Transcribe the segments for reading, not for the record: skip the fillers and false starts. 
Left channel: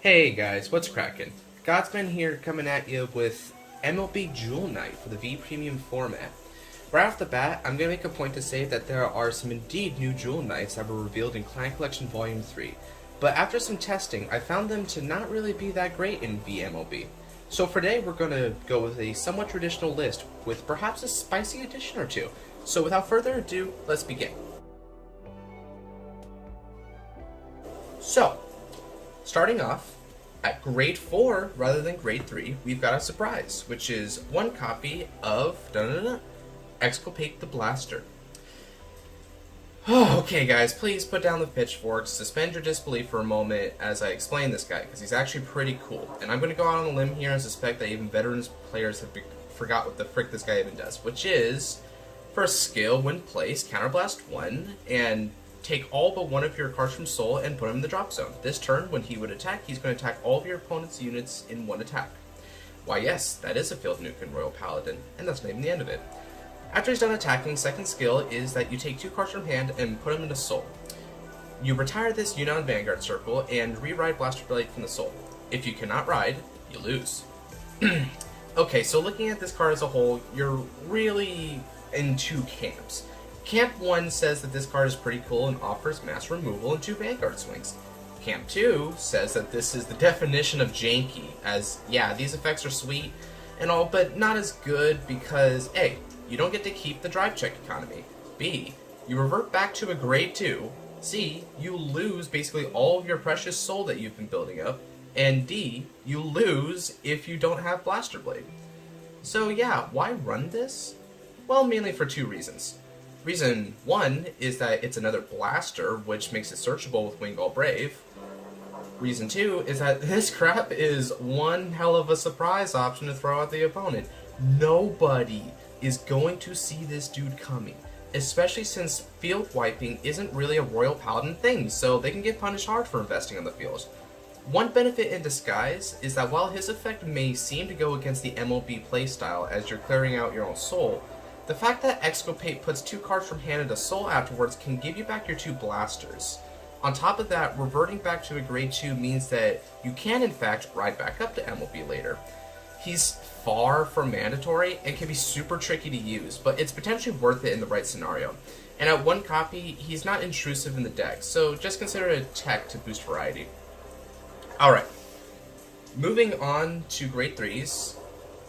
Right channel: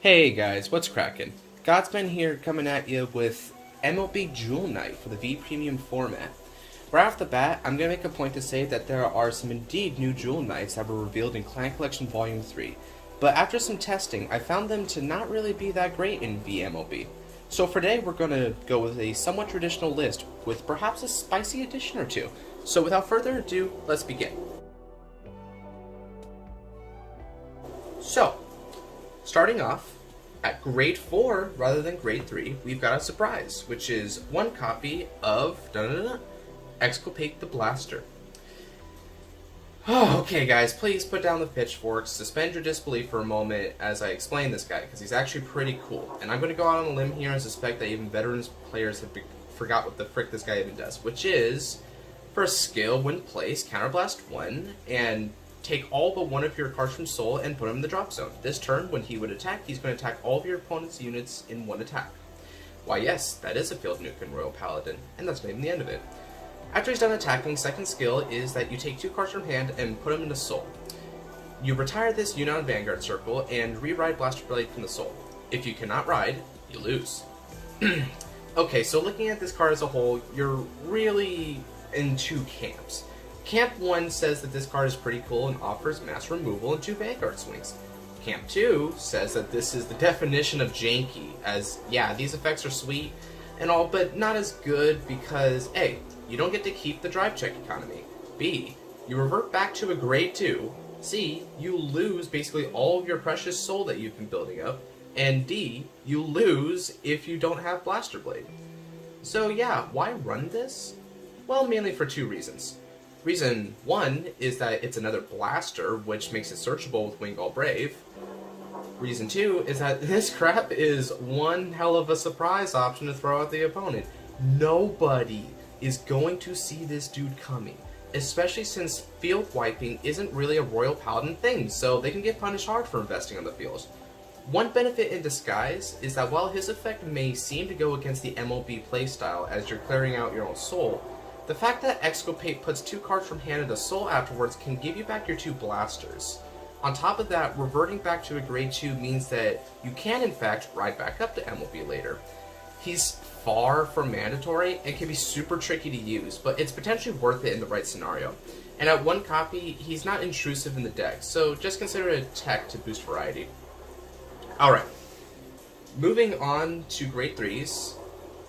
Hey guys, what's crackin'? Godsman here coming at you with MLB Jewel Night for the V Premium format. Right off the bat, I'm going to make a point to say that there are some indeed new Jewel Knights that were revealed in Client Collection Volume 3, but after some testing, I found them to not really be that great in VMLB. So for today, we're going to go with a somewhat traditional list with perhaps a spicy addition or two. So without further ado, let's begin. So, starting off, at grade 4 rather than grade 3, we've got a surprise, which is one copy of Exculpate the Blaster. Oh, okay guys, please put down the pitchforks, suspend your disbelief for a moment as I explain this guy, because he's actually pretty cool. And I'm going to go out on a limb here and suspect that even veterans players have forgot what the frick this guy even does, which is, for a skill, when placed, counterblast 1, and take all but one of your cards from Soul and put him in the drop zone. This turn, when he would attack, he's going to attack all of your opponent's units in one attack. Why yes, that is a field nuke in Royal Paladin, and that's not even the end of it. After he's done attacking, second skill is that you take 2 cards from hand and put them into Soul. You retire this unit on Vanguard circle and re-ride Blaster Blade from the Soul. If you cannot ride, you lose. Okay, so looking at this card as a whole, you're really in 2 camps. Camp 1 says that this card is pretty cool and offers mass removal and 2 Vanguard swings. Camp 2 says that this is the definition of janky, as yeah, these effects are sweet and all, but not as good because A, you don't get to keep the drive check economy, B, you revert back to a grade 2, C, you lose basically all of your precious soul that you've been building up, and D, you lose if you don't have Blaster Blade. So yeah, why run this? Well, mainly for 2 reasons. Reason 1 is that it's another blaster, which makes it searchable with Wingal Brave. Reason 2 is that this crap is one hell of a surprise option to throw at the opponent. Nobody is going to see this dude coming, especially since field wiping isn't really a Royal Paladin thing, so they can get punished hard for investing on the field. One benefit in disguise is that while his effect may seem to go against the MLB playstyle as you're clearing out your own soul, the fact that Exculpate puts 2 cards from hand into Soul afterwards can give you back your 2 blasters. On top of that, reverting back to a grade 2 means that you can in fact ride back up to MLB later. He's far from mandatory and can be super tricky to use, but it's potentially worth it in the right scenario. And at 1 copy, he's not intrusive in the deck, so just consider it a tech to boost variety. Alright, moving on to grade 3s.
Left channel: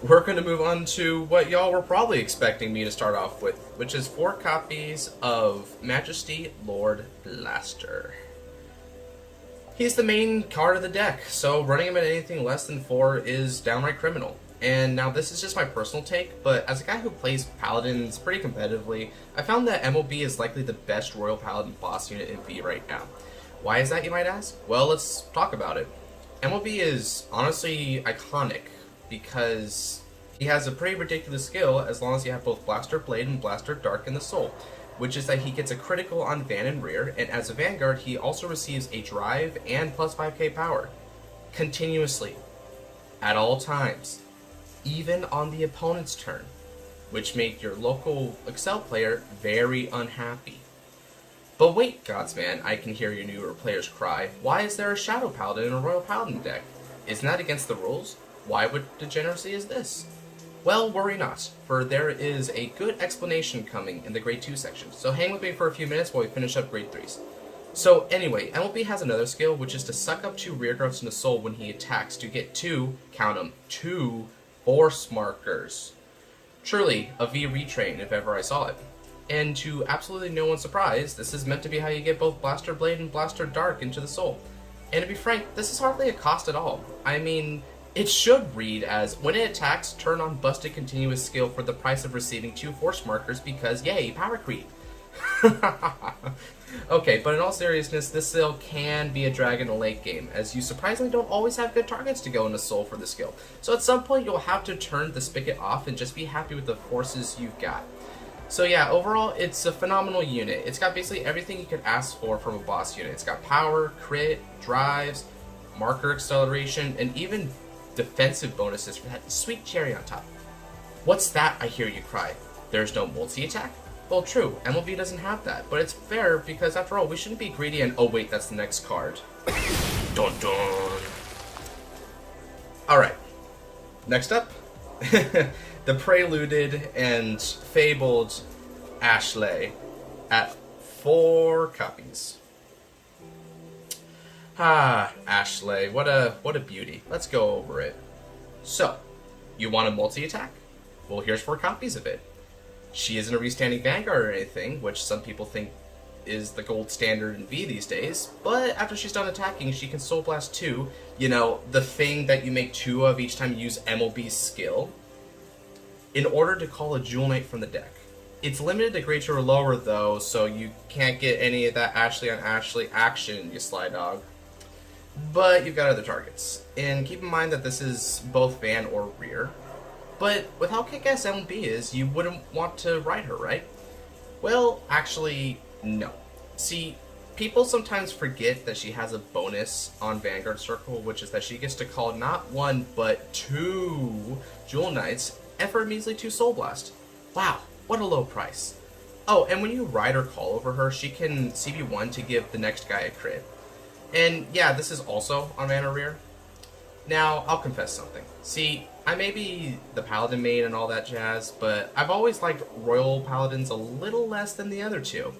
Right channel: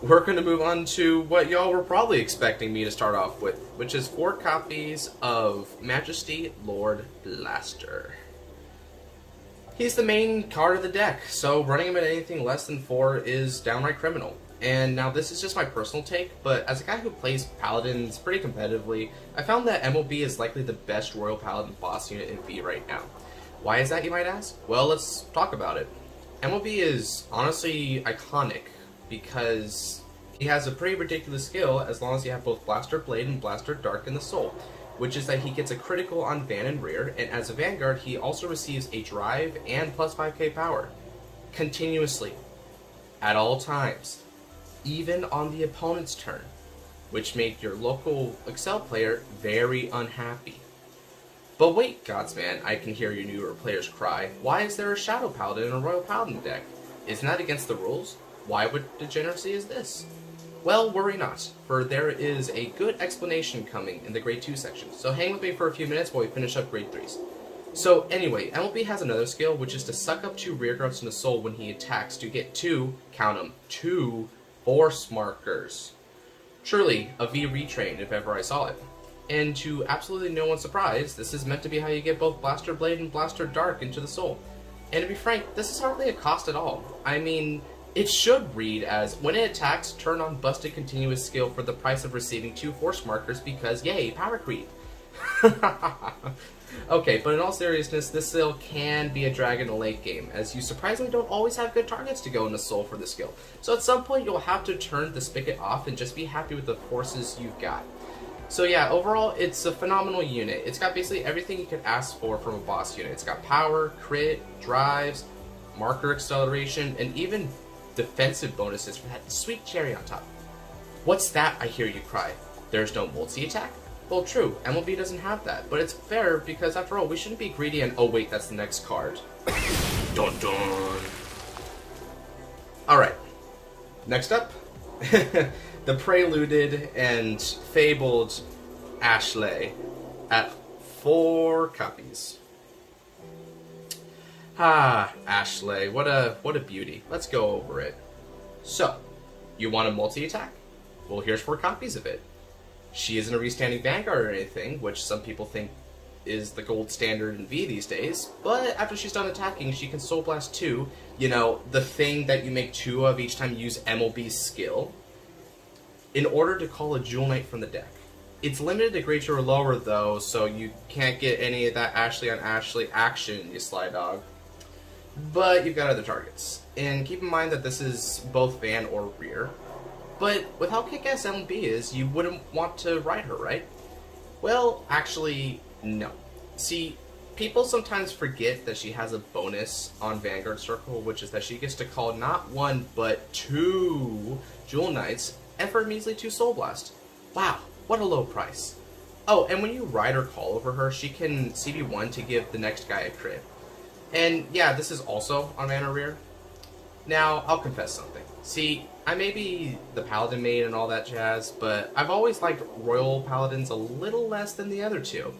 We're going to move on to what y'all were probably expecting me to start off with, which is 4 copies of Majesty Lord Blaster. He's the main card of the deck, so running him at anything less than 4 is downright criminal. And now this is just my personal take, but as a guy who plays Paladins pretty competitively, I found that MLB is likely the best Royal Paladin boss unit in V right now. Why is that, you might ask? Well, let's talk about it. MLB is honestly iconic, because he has a pretty ridiculous skill as long as you have both Blaster Blade and Blaster Dark in the Soul, which is that he gets a critical on Van and Rear, and as a Vanguard he also receives a drive and plus 5k power, continuously, at all times, even on the opponent's turn, which make your local Excel player very unhappy. But wait, Godsman, I can hear your newer players cry, why is there a Shadow Paladin in a Royal Paladin deck? Isn't that against the rules? Why would degeneracy is this? Well, worry not, for there is a good explanation coming in the grade 2 section, so hang with me for a few minutes while we finish up grade 3s. So anyway, MLB has another skill, which is to suck up 2 rearguards into Soul when he attacks to get 2, count them, 2 force markers. Truly, a V retrain if ever I saw it. And to absolutely no one's surprise, this is meant to be how you get both Blaster Blade and Blaster Dark into the Soul. And to be frank, this is hardly a cost at all. I mean, it should read as, when it attacks, turn on Busted Continuous skill for the price of receiving 2 force markers because, yay, power creep. Okay, but in all seriousness, this skill can be a drag in a late game, as you surprisingly don't always have good targets to go into Soul for the skill. So at some point, you'll have to turn the spigot off and just be happy with the forces you've got. So yeah, overall, it's a phenomenal unit. It's got basically everything you could ask for from a boss unit. It's got power, crit, drives, marker acceleration, and even defensive bonuses for that sweet cherry on top. What's that, I hear you cry? There's no multi-attack? Well, true, MLB doesn't have that, but it's fair because after all, we shouldn't be greedy and oh wait, that's the next card. Dun dun. Alright, next up, the preluded and fabled Ashlei at 4 copies. Ah, Ashlei, what a beauty. Let's go over it. So, you want a multi-attack? Well, here's 4 copies of it. She isn't a restanding Vanguard or anything, which some people think is the gold standard in V these days, but after she's done attacking, she can Soul Blast 2, you know, the thing that you make 2 of each time you use MLB's skill, in order to call a Jewel Knight from the deck. It's limited to Great 2 or lower, though, so you can't get any of that Ashlei on Ashlei action, you sly dog. But you've got other targets. And keep in mind that this is both van or rear. But with how kick-ass MLB is, you wouldn't want to ride her, right? Well, actually, no. See, people sometimes forget that she has a bonus on Vanguard Circle, which is that she gets to call not 1, but 2 Jewel Knights, and for a measly 2 Soul Blast. Wow, what a low price. Oh, and when you ride or call over her, she can CB1 to give the next guy a crit. And yeah, this is also on Mana Rear. Now, I'll confess something. See, I may be the Paladin main and all that jazz, but I've always liked Royal Paladins a little less than the other 2.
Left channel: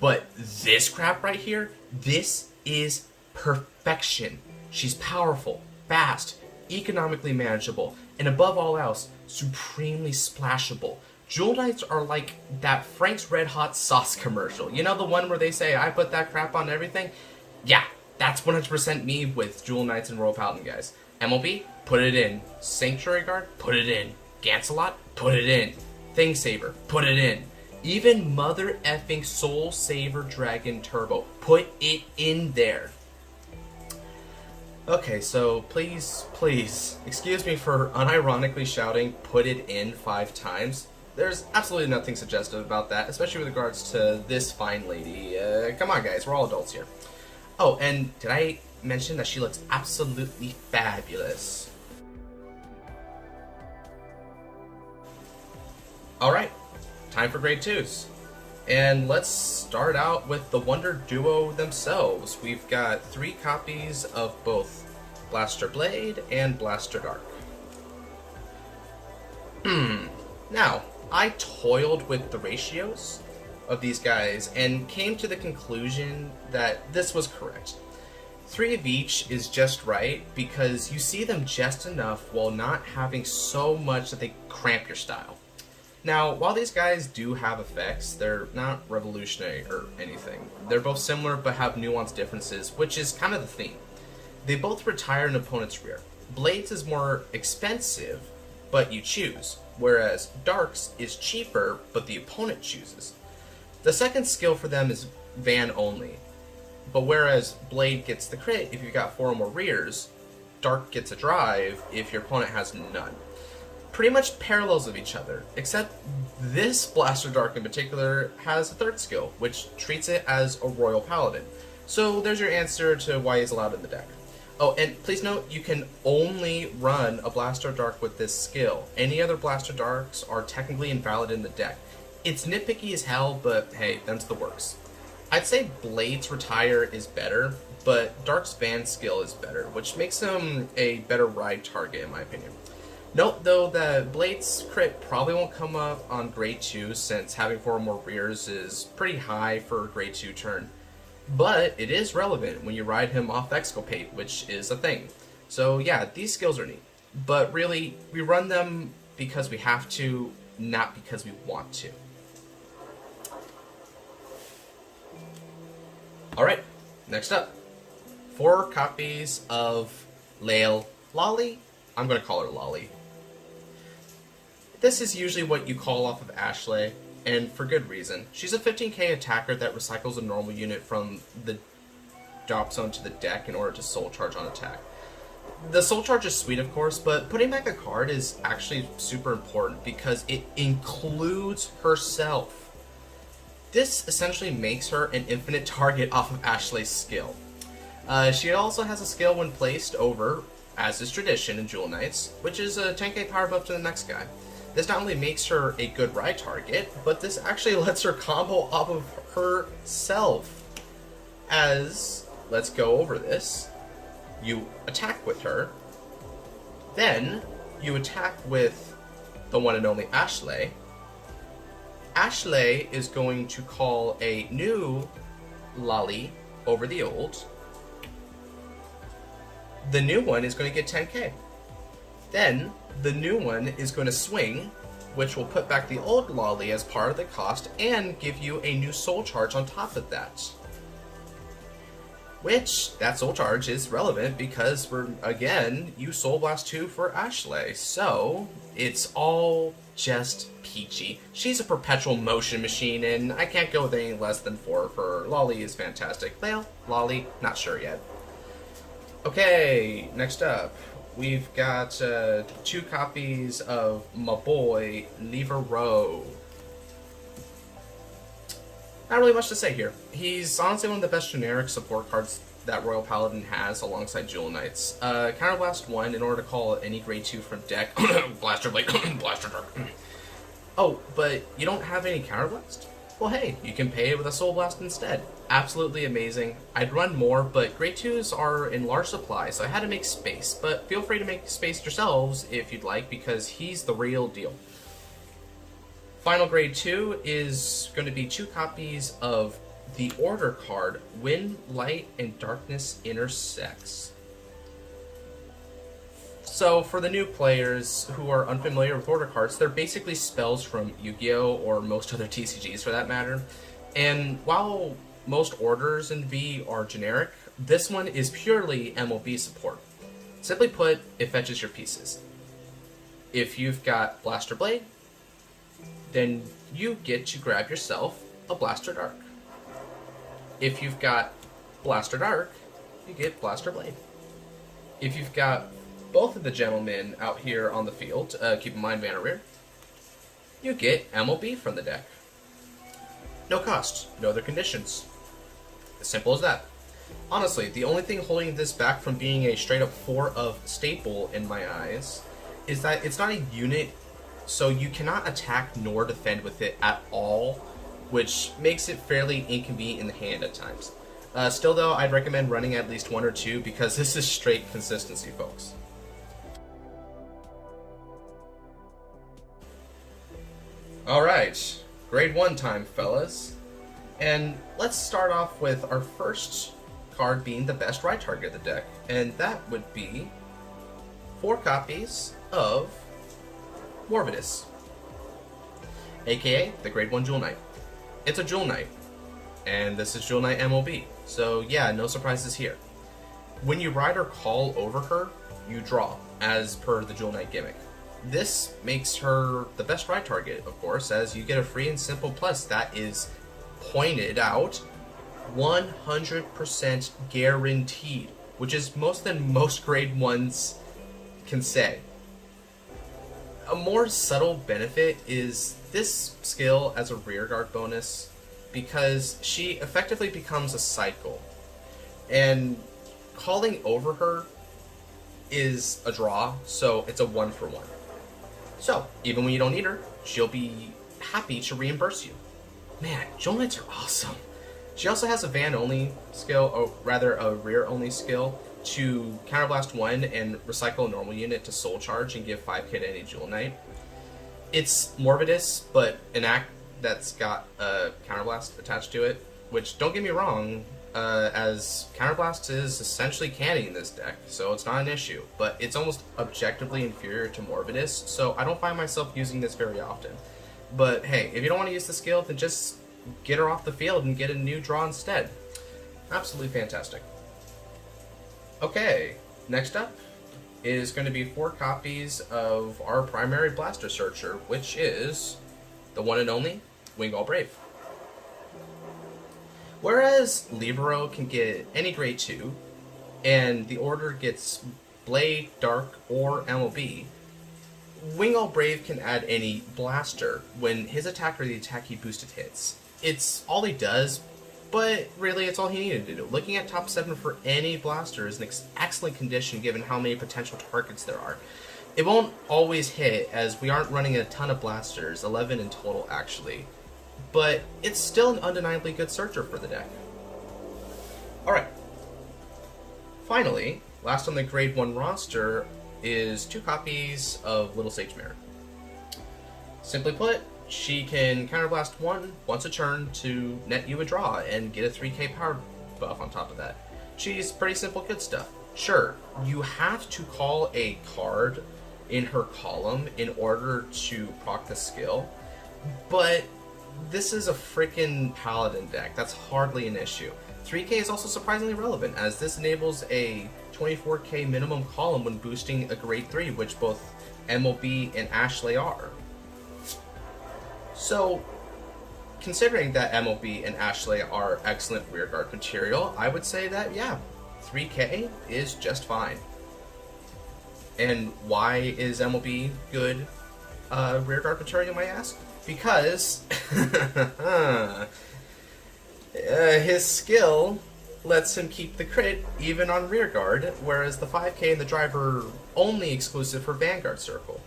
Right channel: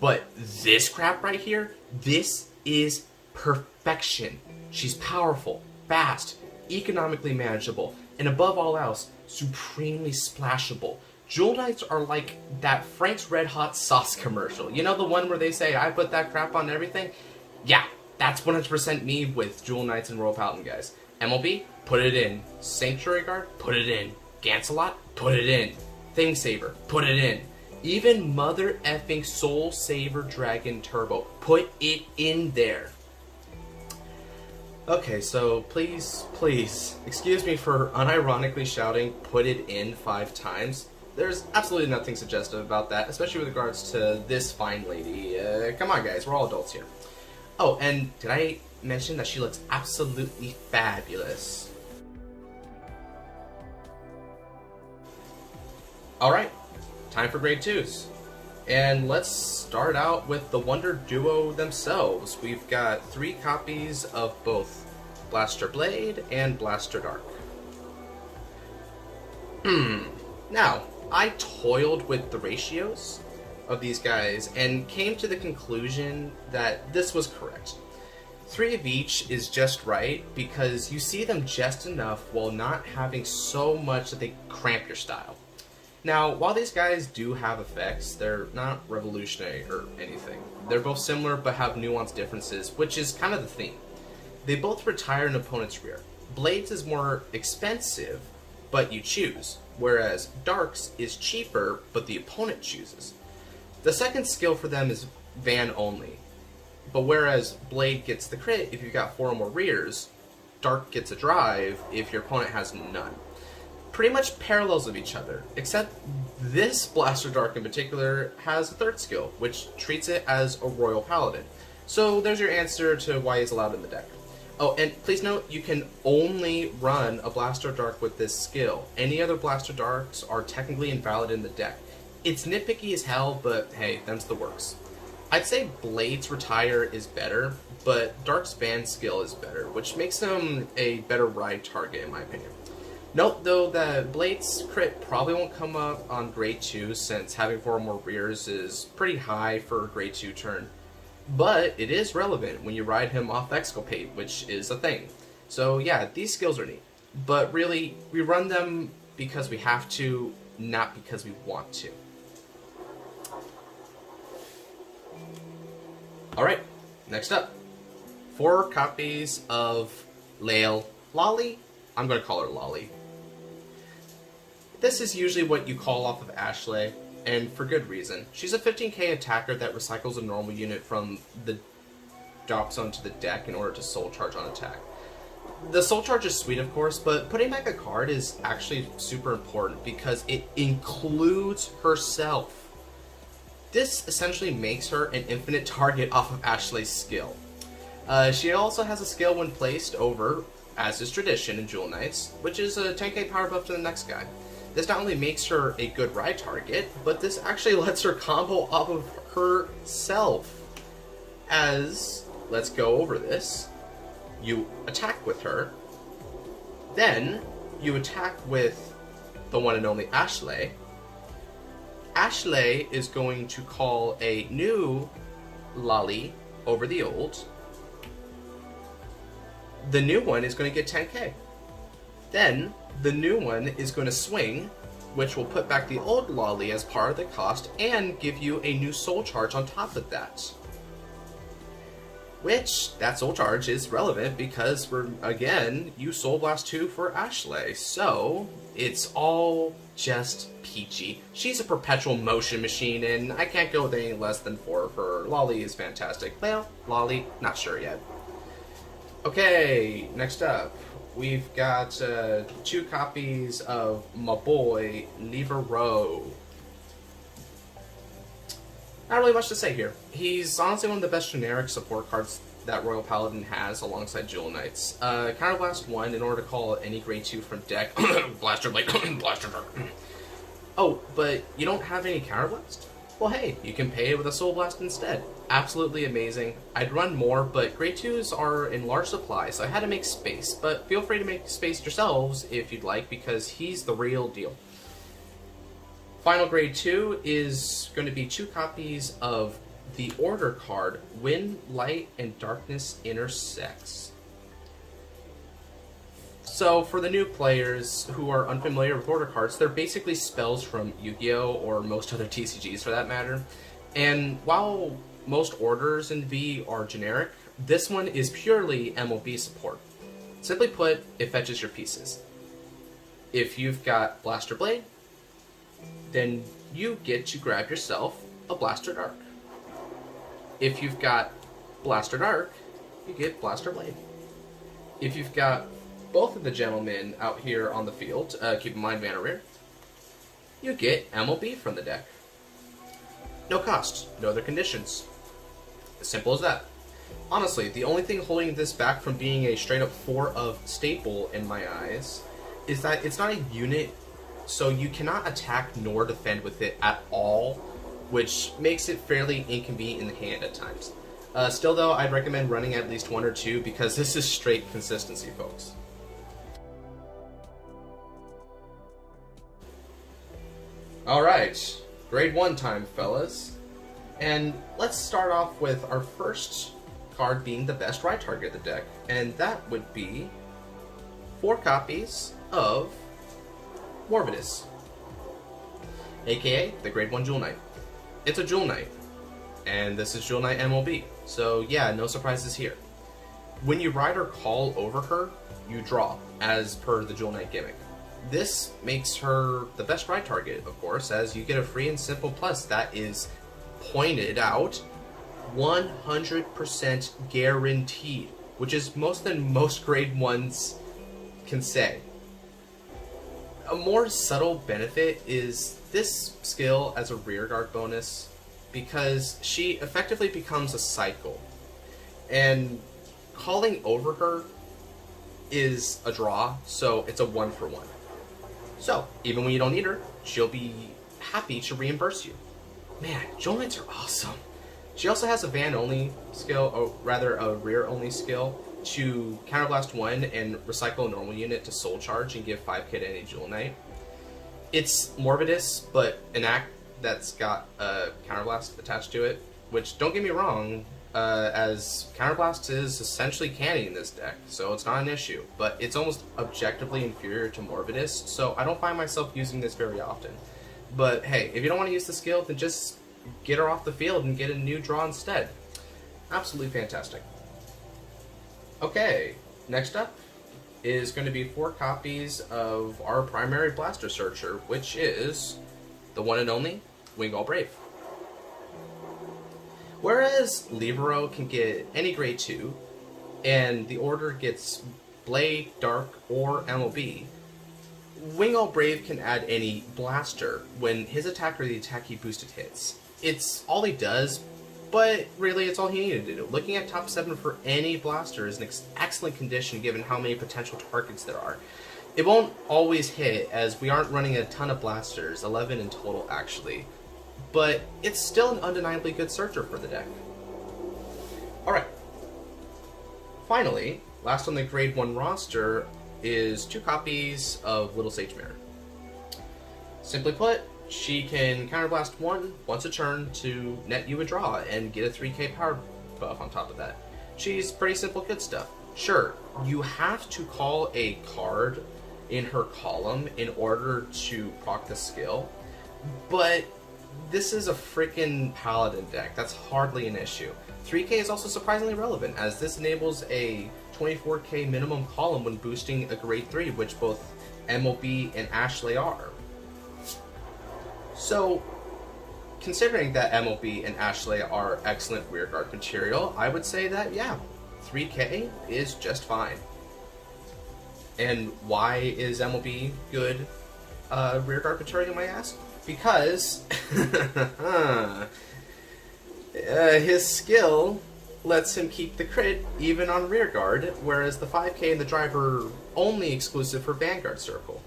But this crap right here, this is perfection. She's powerful, fast, economically manageable, and above all else, supremely splashable. Jewel Knights are like that Frank's Red Hot Sauce commercial. You know the one where they say, I put that crap on everything? Yeah, that's 100% me with Jewel Knights and Royal Paladin, guys. MLB, put it in. Sanctuary Guard, put it in. Gancelot, put it in. Thing Saver, put it in. Even Mother effing Soul Saver Dragon Turbo, put it in there. Okay, so please, excuse me for unironically shouting put it in 5 times. There's absolutely nothing suggestive about that, especially with regards to this fine lady. Come on, guys, we're all adults here. Oh, and did I mention that she looks absolutely fabulous? Alright, time for grade 2s. And let's start out with the Wonder Duo themselves. We've got 3 copies of both Blaster Blade and Blaster Dark. Now, I toiled with the ratios of these guys and came to the conclusion that this was correct. 3 of each is just right because you see them just enough while not having so much that they cramp your style. Now, while these guys do have effects, they're not revolutionary or anything. They're both similar but have nuanced differences, which is kind of the theme. They both retire an opponent's rear. Blades is more expensive, but you choose, whereas Darks is cheaper, but the opponent chooses. The second skill for them is van only, but whereas Blade gets the crit if you've got 4 or more rears, Dark gets a drive if your opponent has none. Pretty much parallels of each other, except this Blaster Dark in particular has a third skill, which treats it as a Royal Paladin. So there's your answer to why he's allowed in the deck. Oh, and please note, you can only run a Blaster Dark with this skill. Any other Blaster Darks are technically invalid in the deck. It's nitpicky as hell, but hey, them's the works. I'd say Blade's Retire is better, but Dark's Van skill is better, which makes him a better ride target in my opinion. Note, though, that Blade's crit probably won't come up on grade 2 since having 4 or more rears is pretty high for a grade 2 turn. But it is relevant when you ride him off Exculpate, which is a thing. So yeah, these skills are neat. But really, we run them because we have to, not because we want to. Alright, next up. 4 copies of Laile. Laile? I'm going to call her Laile. This is usually what you call off of Ashlei, and for good reason. She's a 15k attacker that recycles a normal unit from the drop zone to the deck in order to soul charge on attack. The soul charge is sweet, of course, but putting back a card is actually super important because it includes herself. This essentially makes her an infinite target off of Ashlei's skill. She also has a skill when placed over, as is tradition in Jewel Knights, which is a 10k power buff to the next guy. This not only makes her a good ride target, but this actually lets her combo off of herself. As, let's go over this, you attack with her, Then you attack with the one and only Ashlei. Ashlei is going to call a new Laile over the old. The new one is going to get 10k. Then the new one is going to swing, which will put back the old Laile as part of the cost and give you a new soul charge on top of that. Which, that soul charge is relevant because you Soul Blast 2 for Ashlei. So, it's all just peachy. She's a perpetual motion machine, and I can't go with anything less than 4 for her. Laile is fantastic. Well, Laile, not sure yet. Okay, next up, we've got 2 copies of my boy, Livarot. Not really much to say here. He's honestly one of the best generic support cards that Royal Paladin has alongside Jewel Knights. Counterblast 1 in order to call any grade 2 from deck. Blaster Blade, Blaster Dark. Oh, but you don't have any Counterblast? Well, hey, you can pay it with a Soul Blast instead. Absolutely amazing. I'd run more, but grade 2s are in large supply, so I had to make space. But feel free to make space yourselves if you'd like, because he's the real deal. Final grade 2 is going to be 2 copies of the order card, Wind, Light, and Darkness Intersects. So for the new players who are unfamiliar with order cards, they're basically spells from Yu-Gi-Oh! Or most other TCGs for that matter. And while most orders in V are generic, this one is purely MLB support. Simply put, it fetches your pieces. If you've got Blaster Blade, then you get to grab yourself a Blaster Dark. If you've got Blaster Dark, you get Blaster Blade. If you've got both of the gentlemen out here on the field, keep in mind Vanguard, you get MLB from the deck. No cost, no other conditions. As simple as that. Honestly, the only thing holding this back from being a straight up 4 of staple in my eyes is that it's not a unit, so you cannot attack nor defend with it at all, which makes it fairly inconvenient in the hand at times. Still though, I'd recommend running at least 1 or 2 because this is straight consistency, folks. Alright, grade 1 time, fellas. And let's start off with our first card being the best right target of the deck, and that would be 4 copies of Morvidus, aka the grade 1 Jewel Knight. It's a Jewel Knight, and this is Jewel Knight MLB, so yeah, no surprises here. When you ride or call over her, you draw, as per the Jewel Knight gimmick. This makes her the best ride target, of course, as you get a free and simple plus that is pointed out 100% guaranteed, which is more than most grade 1s can say. A more subtle benefit is this skill as a rearguard bonus, because she effectively becomes a cycle, and calling over her is a draw, so it's a 1-for-1. So even when you don't need her, she'll be happy to reimburse you. Man, Jewel Knights are awesome. She also has a van-only skill, or rather a rear-only skill, to counterblast 1 and recycle a normal unit to soul charge and give 5k to any Jewel Knight. It's Morvidus, but an act that's got a counterblast attached to it, which, don't get me wrong, as counterblast is essentially canny in this deck, so it's not an issue, but it's almost objectively inferior to Morvidus, so I don't find myself using this very often. But hey, if you don't want to use the skill, then just get her off the field and get a new draw instead. Absolutely fantastic. Okay, next up is going to be 4 copies of our primary Blaster Searcher, which is the one and only Wingal Brave. Whereas Livarot can get any grade 2, and the order gets Blade, Dark, or MLB, Wingal Brave can add any Blaster when his attack or the attack he boosted hits. It's all he does, but really it's all he needed to do. Looking at top 7 for any Blaster is an excellent condition given how many potential targets there are. It won't always hit, as we aren't running a ton of Blasters, 11 in total actually, but it's still an undeniably good searcher for the deck. Alright. Finally, last on the grade 1 roster, is 2 copies of Little Sage Mirror. Simply put, she can counterblast once a turn to net you a draw and get a 3k power buff on top of that. She's pretty simple good stuff. Sure, you have to call a card in her column in order to proc the skill, but this is a freaking Paladin deck. That's hardly an issue. 3k is also surprisingly relevant, as this enables a 24k minimum column when boosting a grade 3, which both MLB and Ashlei are. So, considering that MLB and Ashlei are excellent rearguard material, I would say that, yeah, 3k is just fine. And why is MLB good rearguard material, you might ask? Because his skill lets him keep the crit even on rearguard, whereas the 5k and the driver only exclusive for Vanguard Circle.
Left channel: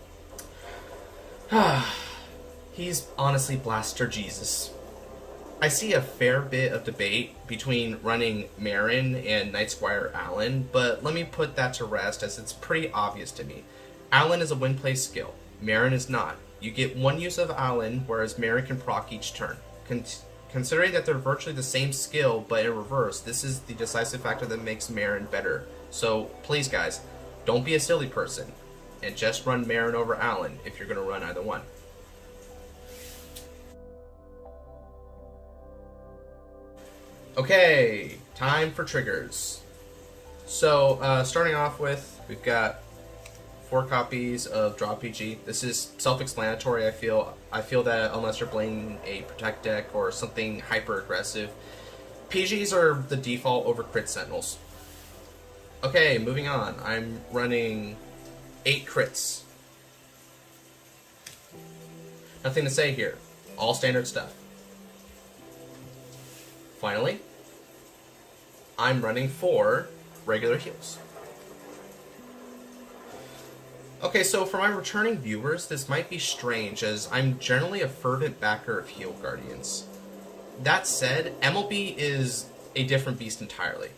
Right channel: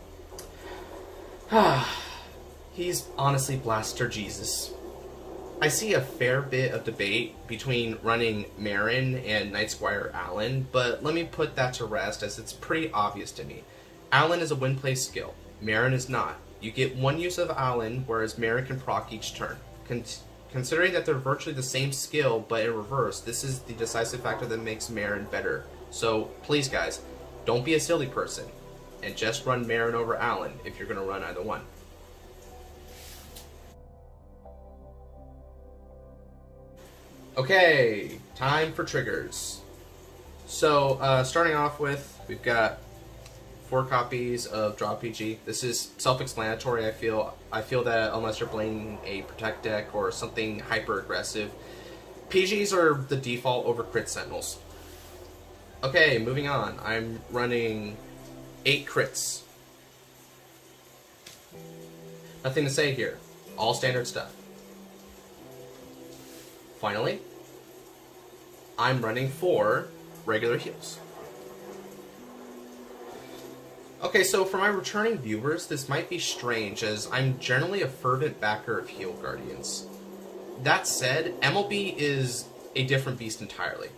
He's honestly Blaster Jesus. I see a fair bit of debate between running Marron and Knight Squire Allen, but let me put that to rest as it's pretty obvious to me. Allen is a win-play skill. Marron is not. You get 1 use of Allen, whereas Marron can proc each turn. Considering that they're virtually the same skill, but in reverse, this is the decisive factor that makes Marron better. So, please guys, don't be a silly person, and just run Marron over Allen if you're going to run either one. Okay, time for triggers. So, starting off with, we've got 4 copies of Draw PG. This is self-explanatory, I feel. I feel that unless you're playing a Protect deck or something hyper-aggressive, PGs are the default over Crit Sentinels. Okay, moving on. I'm running 8 crits. Nothing to say here. All standard stuff. Finally, I'm running 4 regular heals. Okay, so for my returning viewers, this might be strange, as I'm generally a fervent backer of Heal Guardians. That said, MLB is a different beast entirely.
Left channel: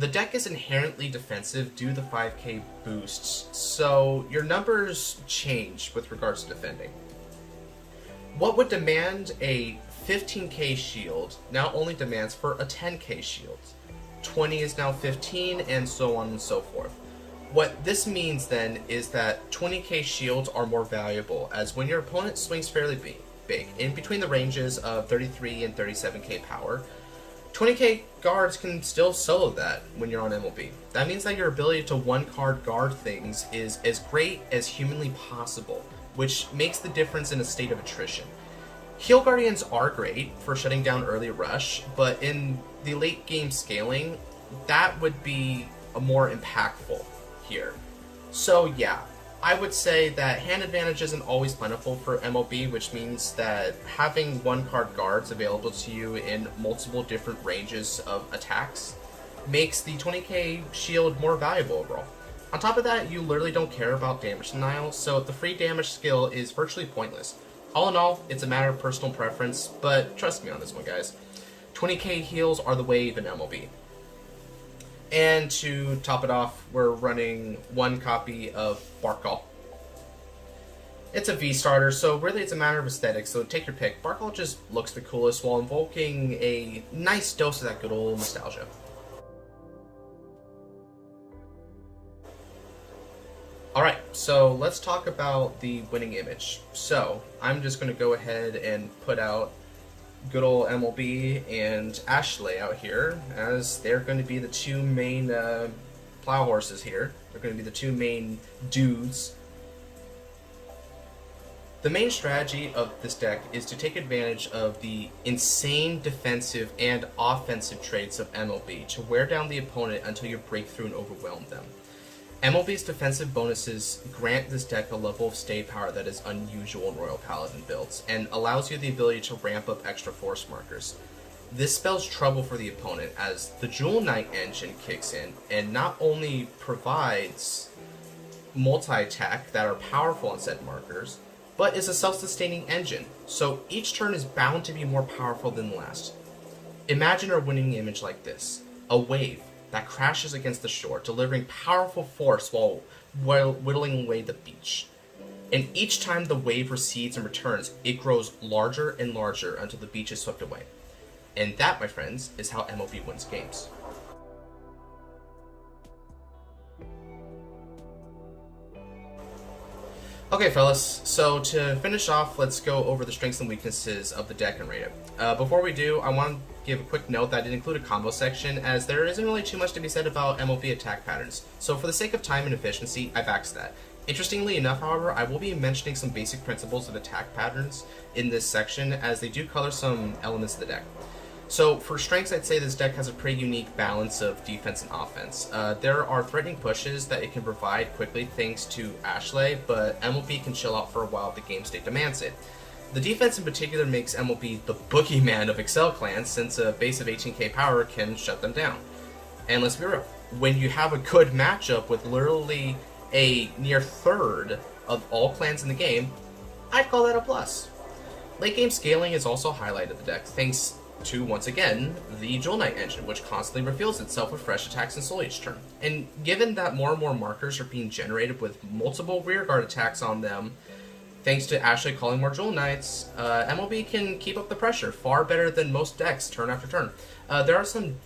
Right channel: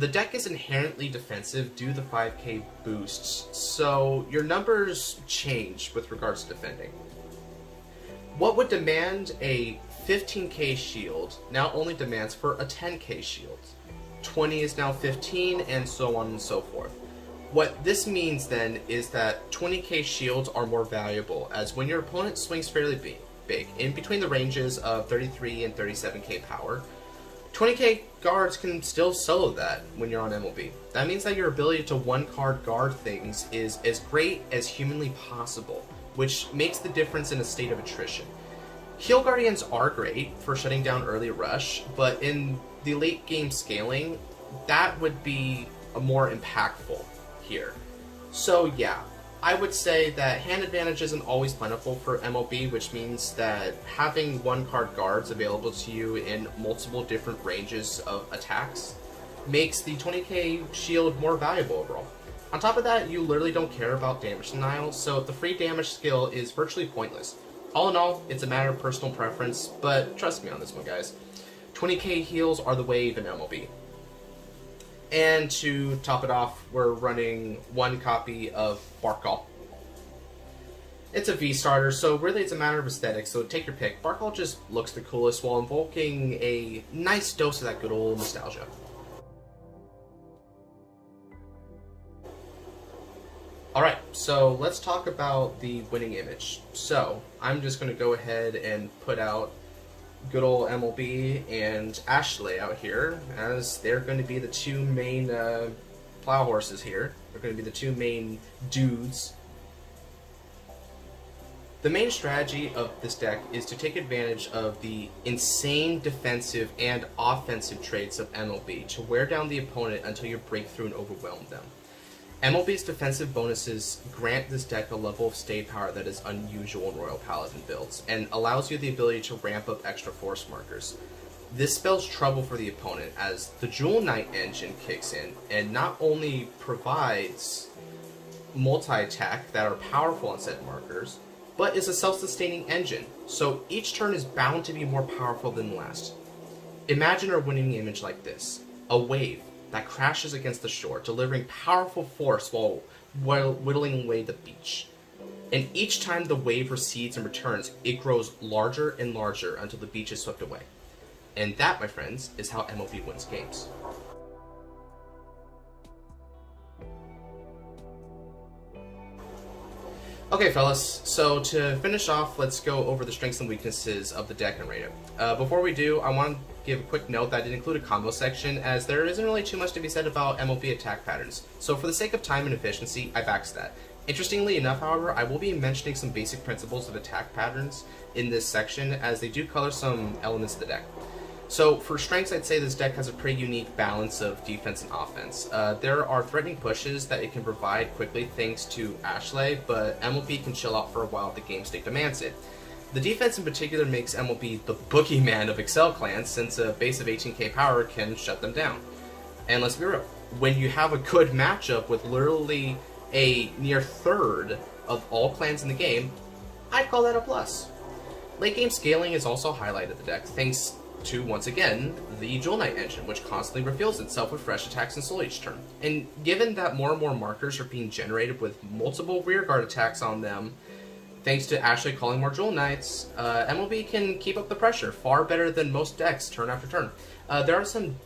The deck is inherently defensive due to the 5k boosts, so your numbers change with regards to defending. What would demand a 15k shield now only demands for a 10k shield. 20 is now 15, and so on and so forth. What this means then is that 20k shields are more valuable, as when your opponent swings fairly big, in between the ranges of 33 and 37k power, 20k guards can still solo that when you're on MLB. That means that your ability to one-card guard things is as great as humanly possible, which makes the difference in a state of attrition. Heal Guardians are great for shutting down early rush, but in the late game scaling, that would be a more impactful here. So yeah, I would say that hand advantage isn't always plentiful for MLB, which means that having one-card guards available to you in multiple different ranges of attacks makes the 20k shield more valuable overall. On top of that, you literally don't care about damage denial, so the free damage skill is virtually pointless. All in all, it's a matter of personal preference, but trust me on this one, guys. 20k heals are the wave in MLB. And to top it off, we're running 1 copy of Barcgal. It's a V-starter, so really it's a matter of aesthetics, so take your pick. Barcgal just looks the coolest while invoking a nice dose of that good old nostalgia. Alright, so let's talk about the winning image. So, I'm just going to go ahead and put out good old MLB and Ashlei out here, as they're going to be the 2 main plow horses here. They're going to be the 2 main dudes. The main strategy of this deck is to take advantage of the insane defensive and offensive traits of MLB to wear down the opponent until you break through and overwhelm them. MLB's defensive bonuses grant this deck a level of stay power that is unusual in Royal Paladin builds, and allows you the ability to ramp up extra force markers. This spells trouble for the opponent, as the Jewel Knight engine kicks in, and not only provides multi-attack that are powerful on said markers, but is a self-sustaining engine, so each turn is bound to be more powerful than the last. Imagine a winning image like this. A wave, that crashes against the shore, delivering powerful force while whittling away the beach. And each time the wave recedes and returns, it grows larger and larger until the beach is swept away. And that, my friends, is how MLB wins games. Okay, fellas, so to finish off, let's go over the strengths and weaknesses of the deck and rate it. Before we do, I want to give a quick note that I didn't include a combo section, as there isn't really too much to be said about MLB attack patterns. So for the sake of time and efficiency, I've axed that. Interestingly enough, however, I will be mentioning some basic principles of attack patterns in this section, as they do color some elements of the deck. So for strengths, I'd say this deck has a pretty unique balance of defense and offense. There are threatening pushes that it can provide quickly thanks to Ashlei, but MLB can chill out for a while if the game state demands it. The defense in particular makes MLB the boogeyman of Excel clans, since a base of 18k power can shut them down. And let's be real, when you have a good matchup with literally a near third of all clans in the game, I'd call that a plus. Late game scaling is also highlighted the deck, thanks to, once again, the Jewel Knight engine, which constantly reveals itself with fresh attacks and soul each turn. And given that more and more markers are being generated with multiple rearguard attacks on them, thanks to Ashlei calling more Jewel Knights, MLB can keep up the pressure far better than most decks turn after turn. There are some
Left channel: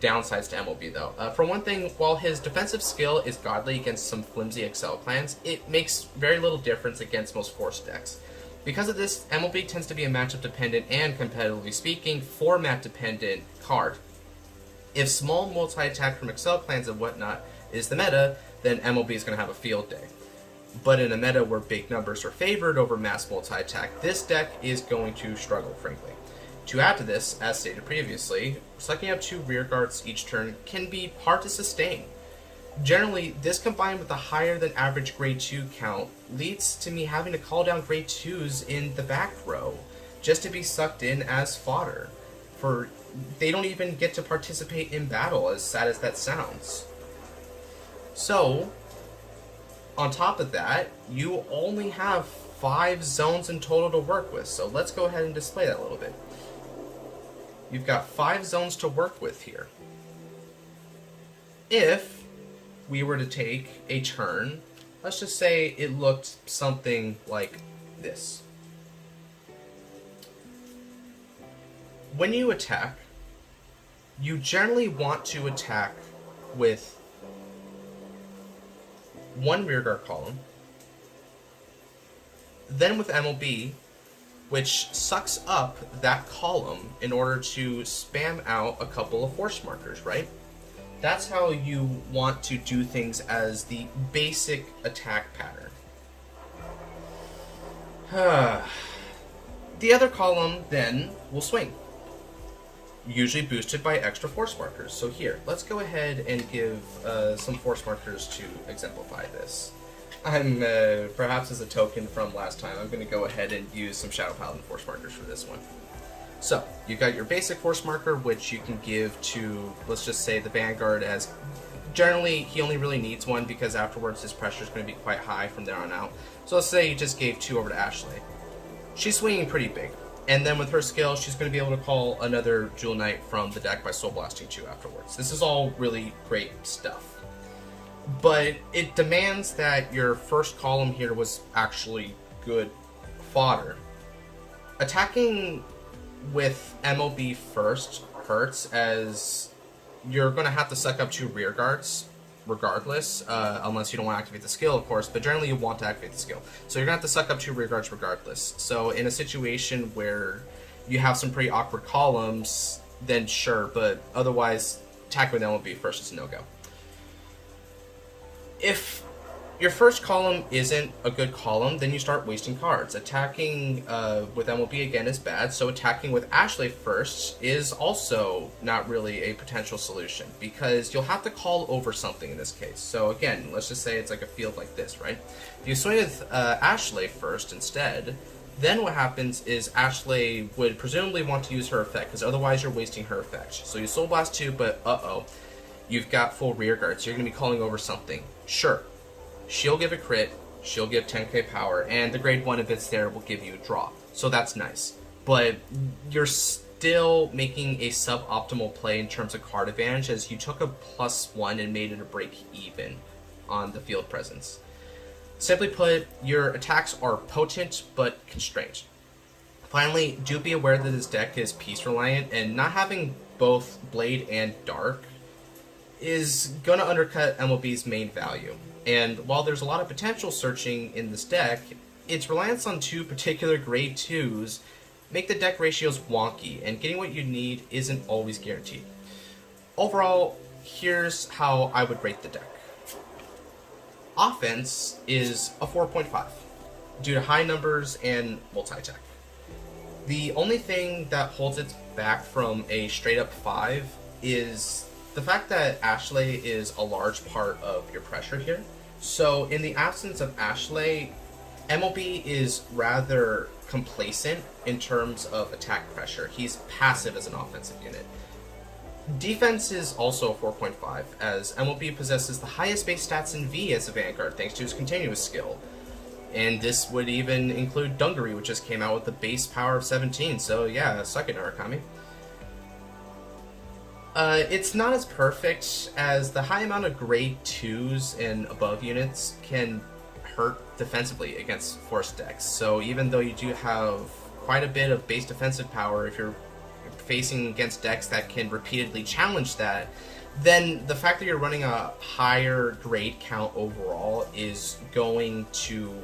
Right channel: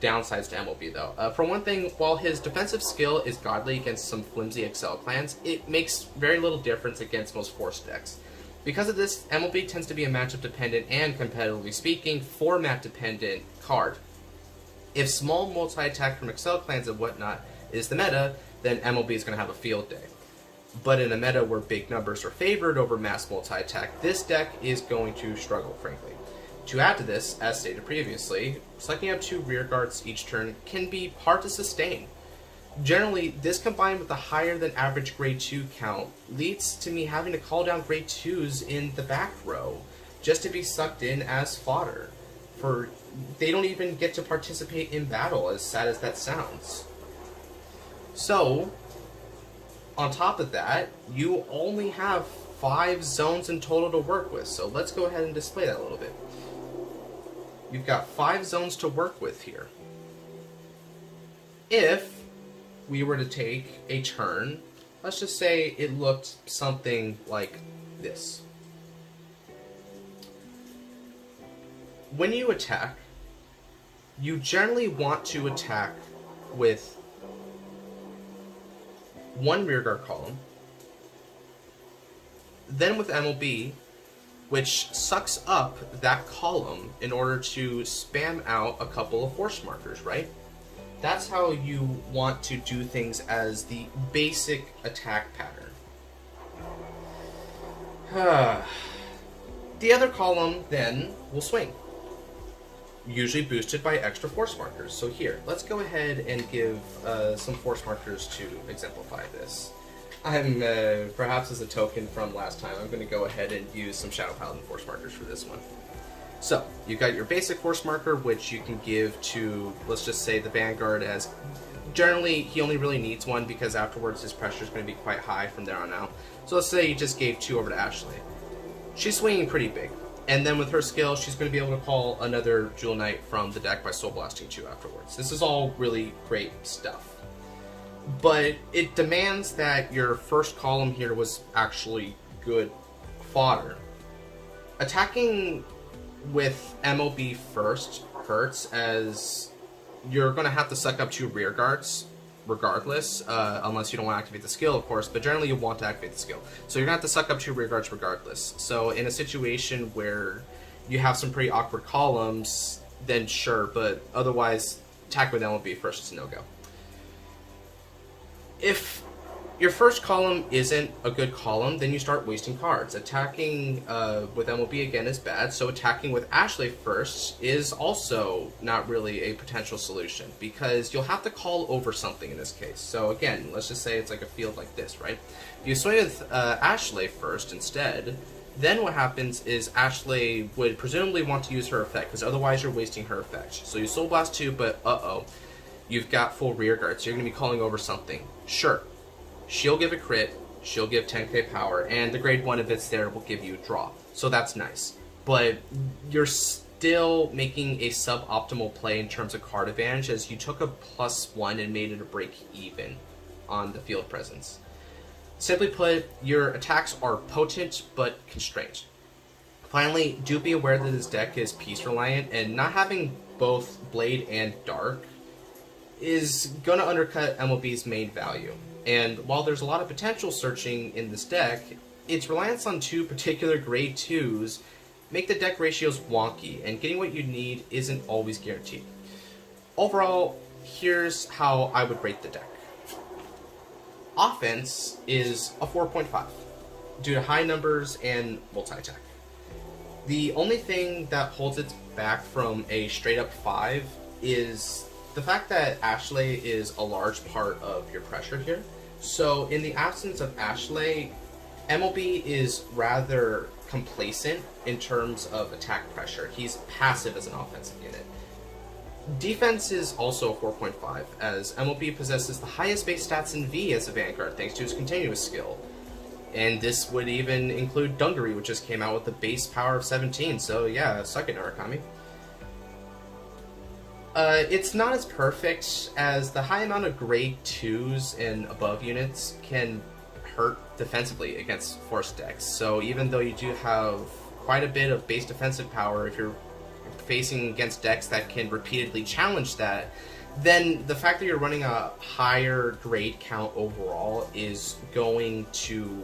downsides to MLB though. For one thing, while his defensive skill is godly against some flimsy Excel clans, it makes very little difference against most Force decks. Because of this, MLB tends to be a matchup dependent and, competitively speaking, format dependent card. If small multi-attack from Excel clans and whatnot is the meta, then MLB is going to have a field day. But in a meta where big numbers are favored over mass multi-attack, this deck is going to struggle, frankly. To add to this, as stated previously, sucking up 2 rear guards each turn can be hard to sustain. Generally, this combined with a higher than average grade 2 count leads to me having to call down grade 2s in the back row just to be sucked in as fodder. They don't even get to participate in battle, as sad as that sounds. So, on top of that, you only have 5 zones in total to work with, so let's go ahead and display that a little bit. You've got 5 zones to work with here. If we were to take a turn, let's just say it looked something like this. When you attack, you generally want to attack with 1 rearguard column, then with MLB, which sucks up that column in order to spam out a couple of force markers, right? That's how you want to do things as the basic attack pattern. The other column then will swing, usually boosted by extra force markers. So here, let's go ahead and give some force markers to exemplify this. I'm, perhaps as a token from last time, I'm going to go ahead and use some Shadow Paladin force markers for this one. So, you've got your basic force marker, which you can give to, let's just say, the Vanguard, as generally he only really needs 1 because afterwards his pressure is going to be quite high from there on out. So let's say you just gave 2 over to Ashlei. She's swinging pretty big, and then with her skill, she's going to be able to call another Jewel Knight from the deck by Soul Blasting 2 afterwards. This is all really great stuff. But it demands that your first column here was actually good fodder. Attacking with MLB first hurts, as you're going to have to suck up 2 rear guards regardless, unless you don't want to activate the skill, of course, but generally you want to activate the skill. So you're going to have to suck up 2 rear guards regardless. So in a situation where you have some pretty awkward columns, then sure, but otherwise attack with MLB first is a no-go. If your first column isn't a good column, then you start wasting cards. Attacking with MLB again is bad, so attacking with Ashlei first is also not really a potential solution, because you'll have to call over something in this case. So again, let's just say it's like a field like this, right? If you swing with Ashlei first instead, then what happens is Ashlei would presumably want to use her effect, because otherwise you're wasting her effect. So you Soul Blast 2, but you've got full rear guard, so you're going to be calling over something. Sure. She'll give a crit, she'll give 10k power, and the grade 1, if it's there, will give you a draw. So that's nice. But you're still making a suboptimal play in terms of card advantage, as you took a +1 and made it a break even on the field presence. Simply put, your attacks are potent but constrained. Finally, do be aware that this deck is piece reliant, and not having both Blade and Dark is going to undercut MLB's main value. And while there's a lot of potential searching in this deck, its reliance on 2 particular grade 2s make the deck ratios wonky, and getting what you need isn't always guaranteed. Overall, here's how I would rate the deck. Offense is a 4.5 due to high numbers and multi-attack. The only thing that holds it back from a straight up 5 is the fact that Ashlei is a large part of your pressure here. So in the absence of Ashlei, MLB is rather complacent in terms of attack pressure. He's passive as an offensive unit. Defense is also 4.5, as MLB possesses the highest base stats in V as a Vanguard thanks to his continuous skill. And this would even include Dungaree, which just came out with a base power of 17, so yeah, suck it, Narukami. It's not as perfect, as the high amount of grade 2s and above units can hurt defensively against force decks. So even though you do have quite a bit of base defensive power, if you're facing against decks that can repeatedly challenge that, then the fact that you're running a higher grade count overall is going to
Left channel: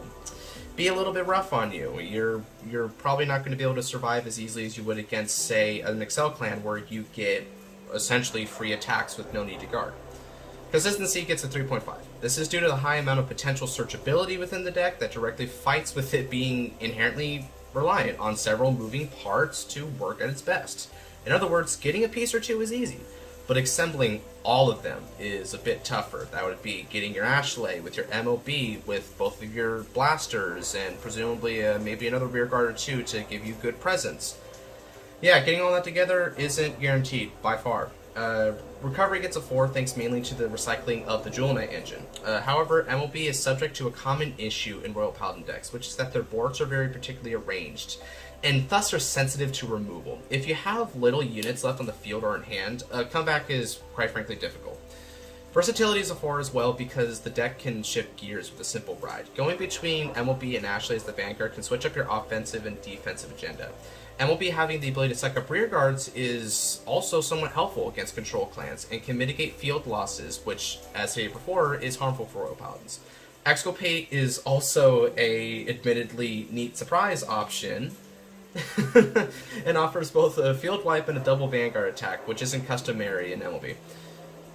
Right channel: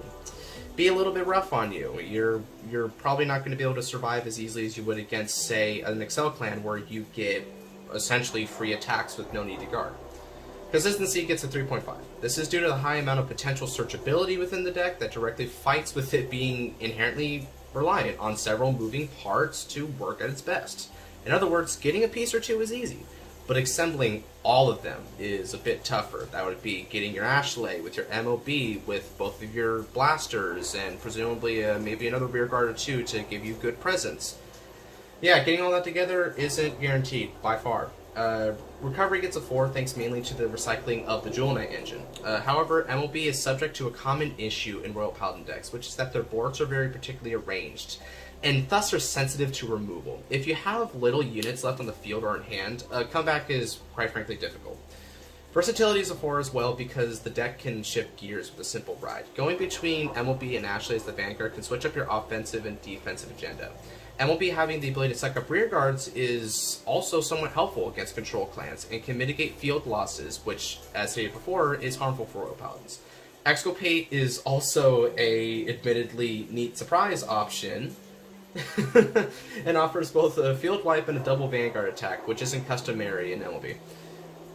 be a little bit rough on you. You're probably not going to be able to survive as easily as you would against, say, an Excel clan where you get essentially free attacks with no need to guard. Consistency gets a 3.5. This is due to the high amount of potential searchability within the deck that directly fights with it being inherently reliant on several moving parts to work at its best. In other words, getting a piece or 2 is easy, but assembling all of them is a bit tougher. That would be getting your Ashlei with your MLB, with both of your blasters, and presumably maybe another rear guard or 2 to give you good presence. Yeah, getting all that together isn't guaranteed, by far. Recovery gets a 4 thanks mainly to the recycling of the Jewel Knight engine. However, MLB is subject to a common issue in Royal Paladin decks, which is that their boards are very particularly arranged, and thus are sensitive to removal. If you have little units left on the field or in hand, a comeback is quite frankly difficult. Versatility is a 4 as well, because the deck can shift gears with a simple ride. Going between MLB and Ashlei as the Vanguard can switch up your offensive and defensive agenda. MLB having the ability to suck up rear guards is also somewhat helpful against control clans and can mitigate field losses, which, as stated before, is harmful for Royal Paladins. Exculpate is also a admittedly neat surprise option and offers both a field wipe and a double Vanguard attack, which isn't customary in MLB.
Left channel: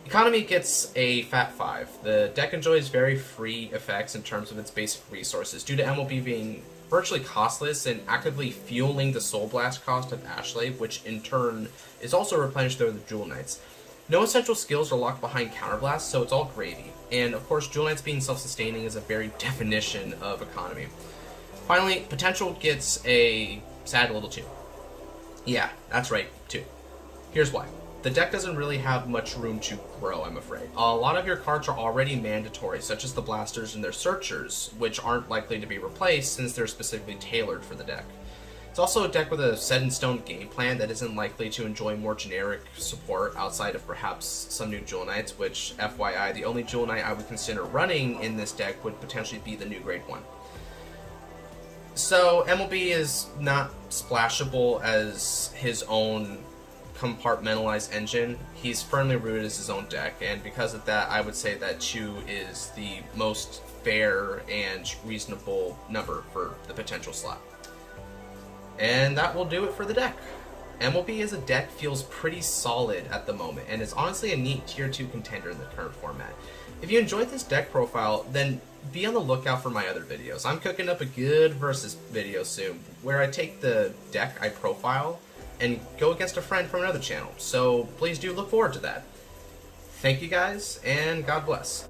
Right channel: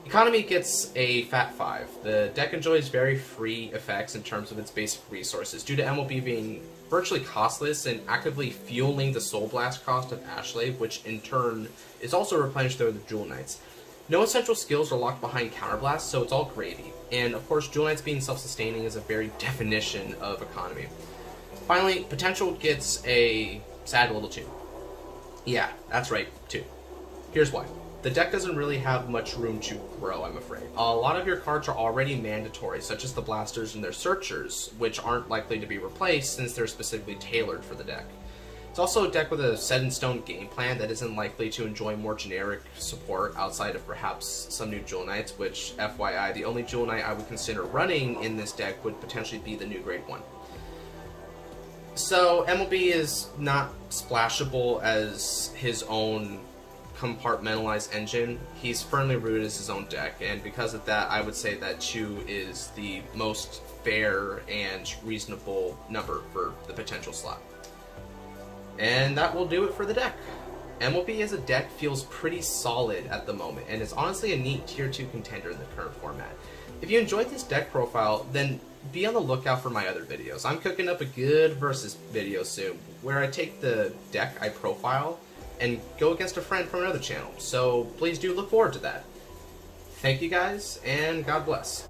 Economy gets a fat 5. The deck enjoys very free effects in terms of its basic resources, due to MLB being virtually costless and actively fueling the Soul Blast cost of Ashlei, which in turn is also replenished through the Jewel Knights. No essential skills are locked behind Counterblast, so it's all gravy. And of course, Jewel Knights being self-sustaining is a very definition of economy. Finally, Potential gets a sad little 2. Yeah, that's right, 2. Here's why. The deck doesn't really have much room to grow, I'm afraid. A lot of your cards are already mandatory, such as the Blasters and their Searchers, which aren't likely to be replaced since they're specifically tailored for the deck. It's also a deck with a set-in-stone game plan that isn't likely to enjoy more generic support outside of perhaps some new Jewel Knights, which, FYI, the only Jewel Knight I would consider running in this deck would potentially be the new Grade 1. So, MLB is not splashable as his own compartmentalized engine. He's firmly rooted as his own deck, and because of that, I would say that 2 is the most fair and reasonable number for the potential slot. And that will do it for the deck. MLB as a deck feels pretty solid at the moment, and is honestly a neat tier 2 contender in the current format. If you enjoyed this deck profile, then be on the lookout for my other videos. I'm cooking up a good versus video soon, where I take the deck I profile and go against a friend from another channel, so please do look forward to that. Thank you guys, and God bless.